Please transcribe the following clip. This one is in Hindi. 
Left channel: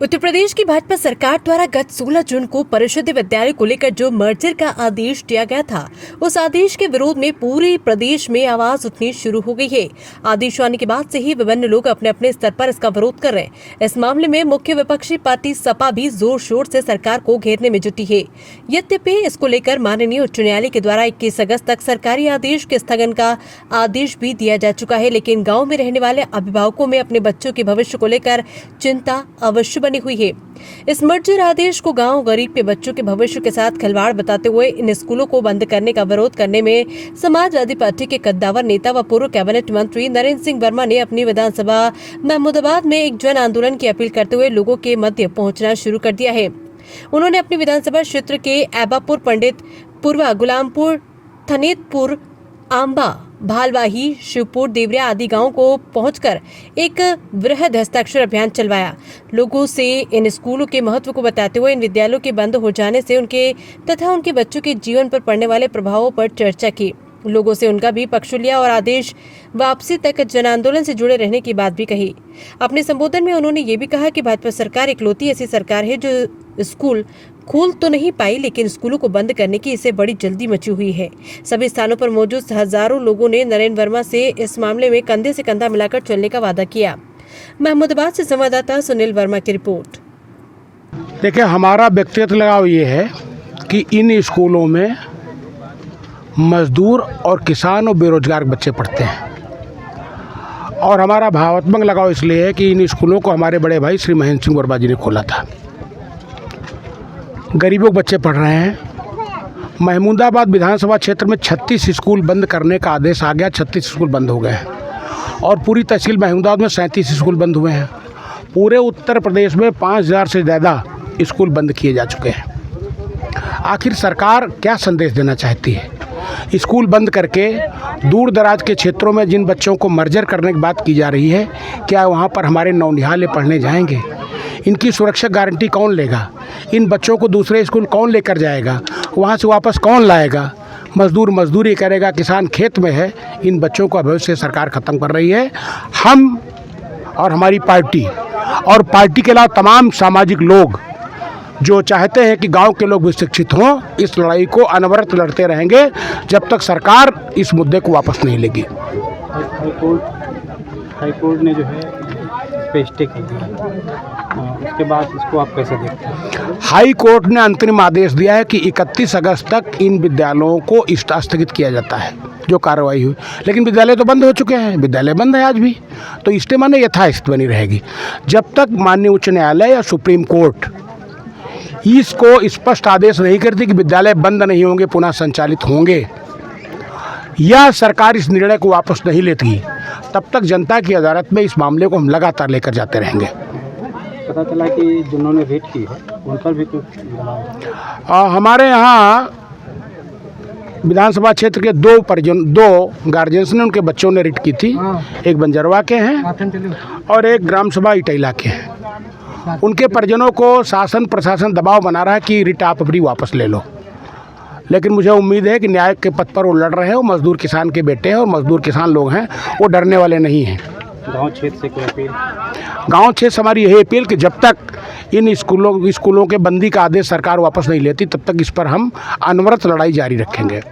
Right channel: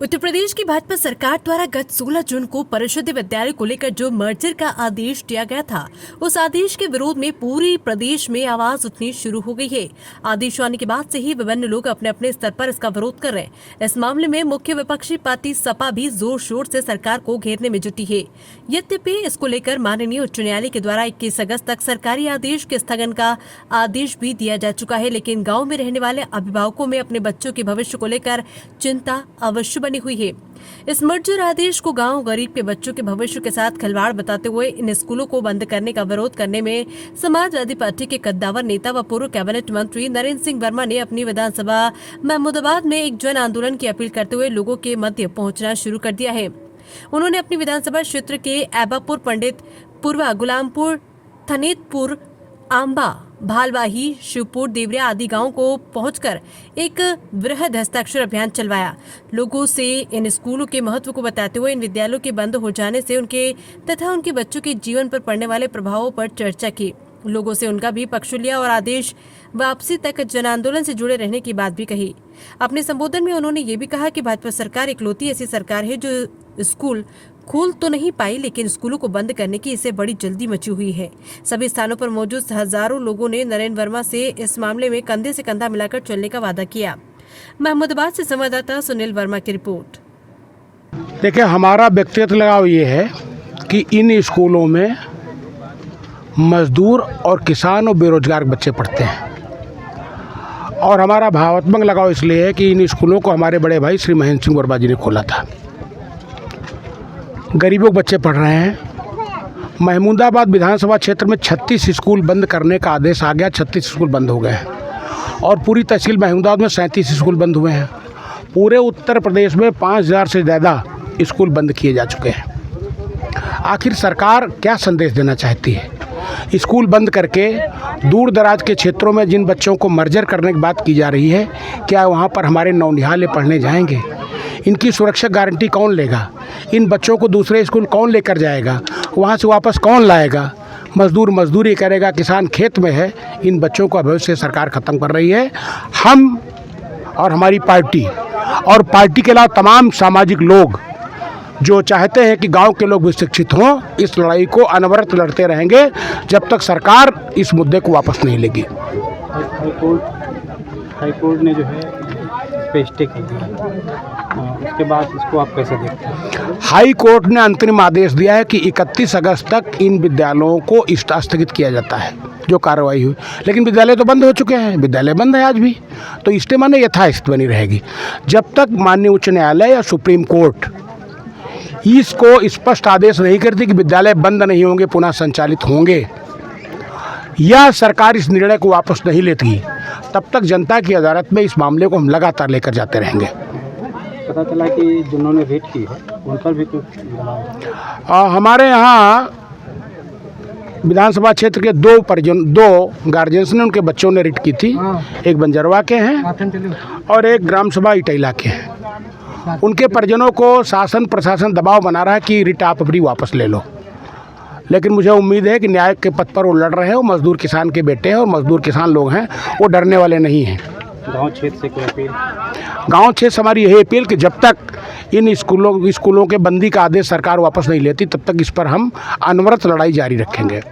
उत्तर प्रदेश की भाजपा सरकार द्वारा गत 16 जून को परिषद विद्यालय को लेकर जो मर्जर का आदेश दिया गया था, उस आदेश के विरोध में पूरे प्रदेश में आवाज उठनी शुरू हो गई है। आदेश आने के बाद से ही विभिन्न लोग अपने अपने स्तर पर इसका विरोध कर रहे हैं। इस मामले में मुख्य विपक्षी पार्टी सपा भी जोर शोर से सरकार को घेरने में जुटी है। यद्यपि इसको लेकर माननीय उच्च न्यायालय के द्वारा 21 अगस्त तक सरकारी आदेश के स्थगन का आदेश भी दिया जा चुका है, लेकिन गाँव में रहने वाले अभिभावकों में अपने बच्चों के भविष्य को लेकर चिंता अवश्य बनी हुई है। इस मर्जर आदेश को गांव गरीब के बच्चों के भविष्य के साथ खिलवाड़ बताते हुए इन स्कूलों को बंद करने का विरोध करने में समाजवादी पार्टी के कद्दावर नेता व पूर्व कैबिनेट मंत्री नरेंद्र सिंह वर्मा ने अपनी विधानसभा महमूदाबाद में एक जन आंदोलन की अपील करते हुए लोगों के मध्य पहुंचना शुरू कर दिया है। उन्होंने अपनी विधानसभा क्षेत्र के ऐबापुर, पंडितपुर, गुलामपुर, थनेतपुर, आंबा, भालवाही, शिवपुर, देवरिया आदि गांवों को पहुंचकर एक वृहद हस्ताक्षर अभियान चलवाया। लोगों से इन स्कूलों के महत्व को बताते हुए इन विद्यालयों के बंद हो जाने से उनके तथा उनके बच्चों के जीवन पर पड़ने वाले प्रभावों पर चर्चा की। लोगों से उनका भी पक्ष लिया और आदेश वापसी तक जन आंदोलन से जुड़े रहने की बात भी कही। अपने संबोधन में उन्होंने ये भी कहा कि भाजपा सरकार इकलौती ऐसी सरकार है जो स्कूल खोल तो नहीं पाई, लेकिन स्कूलों को बंद करने की इसे बड़ी जल्दी मची हुई है। सभी स्थानों पर मौजूद हजारों लोगों ने नरेंद्र वर्मा से इस मामले में कंधे से कंधा मिलाकर चलने का वादा किया। महमूदाबाद से संवाददाता सुनील वर्मा की रिपोर्ट। देखिए, हमारा व्यक्तिगत लगाव ये है कि इन स्कूलों में मजदूर और किसान और बेरोजगार बच्चे पढ़ते हैं, और हमारा भावात्मक लगाव इसलिए है कि इन स्कूलों को हमारे बड़े भाई श्री महेंद्र सिंह वर्मा जी ने खोला था। गरीबों के बच्चे पढ़ रहे हैं। महमूदाबाद विधानसभा क्षेत्र में 36 स्कूल बंद करने का आदेश आ गया। 36 स्कूल बंद हो गए हैं और पूरी तहसील महमूदाबाद में 37 स्कूल बंद हुए हैं। पूरे उत्तर प्रदेश में 5000 से ज़्यादा स्कूल बंद किए जा चुके हैं। आखिर सरकार क्या संदेश देना चाहती है? स्कूल बंद करके दूर दराज के क्षेत्रों में जिन बच्चों को मर्जर करने की बात की जा रही है, क्या वहाँ पर हमारे नौनिहाल पढ़ने जाएंगे? इनकी सुरक्षा गारंटी कौन लेगा? इन बच्चों को दूसरे स्कूल कौन लेकर जाएगा? वहाँ से वापस कौन लाएगा? मजदूर मजदूरी करेगा, किसान खेत में है। इन बच्चों का भविष्य सरकार ख़त्म कर रही है। हम और हमारी पार्टी और पार्टी के अलावा तमाम सामाजिक लोग जो चाहते हैं कि गांव के लोग भी शिक्षित हों, इस लड़ाई को अनवरत लड़ते रहेंगे जब तक सरकार इस मुद्दे को वापस नहीं लेगी। हाईकोर्ट ने जो है पे स्टे कर दिया, उसके बाद इसको आप कैसे देखते हैं? हाई कोर्ट ने अंतरिम आदेश दिया है कि 31 अगस्त तक इन विद्यालयों को स्थगित किया जाता है जो कार्रवाई हुई, लेकिन विद्यालय तो बंद हो चुके हैं। विद्यालय बंद है आज भी, तो स्टे माने यथास्थिति बनी रहेगी जब तक माननीय उच्च न्यायालय या सुप्रीम कोर्ट इसको स्पष्ट आदेश नहीं करती कि विद्यालय बंद नहीं होंगे, पुनः संचालित होंगे, या सरकार इस निर्णय को वापस नहीं लेती, तब तक जनता की अदालत में इस मामले को हम लगातार लेकर जाते रहेंगे। पता चला कि जिन्होंने रेट की है उन पर भी कुछ हमारे यहाँ विधानसभा क्षेत्र के दो गार्जियंस ने, उनके बच्चों ने रिट की थी। एक बंजरवा के हैं और एक ग्राम सभा इटैला के हैं। उनके परिजनों को शासन प्रशासन दबाव बना रहा है कि रिट आप अपनी वापस ले लो, लेकिन मुझे उम्मीद है कि न्याय के पथ पर वो लड़ रहे हैं। वो मजदूर किसान के बेटे हैं और मजदूर किसान लोग हैं, वो डरने वाले नहीं हैं। गांव क्षेत्र से कोई अपील? गांव क्षेत्र से हमारी यही अपील कि जब तक इन स्कूलों के बंदी का आदेश सरकार वापस नहीं लेती, तब तक इस पर हम अनवरत लड़ाई जारी रखेंगे।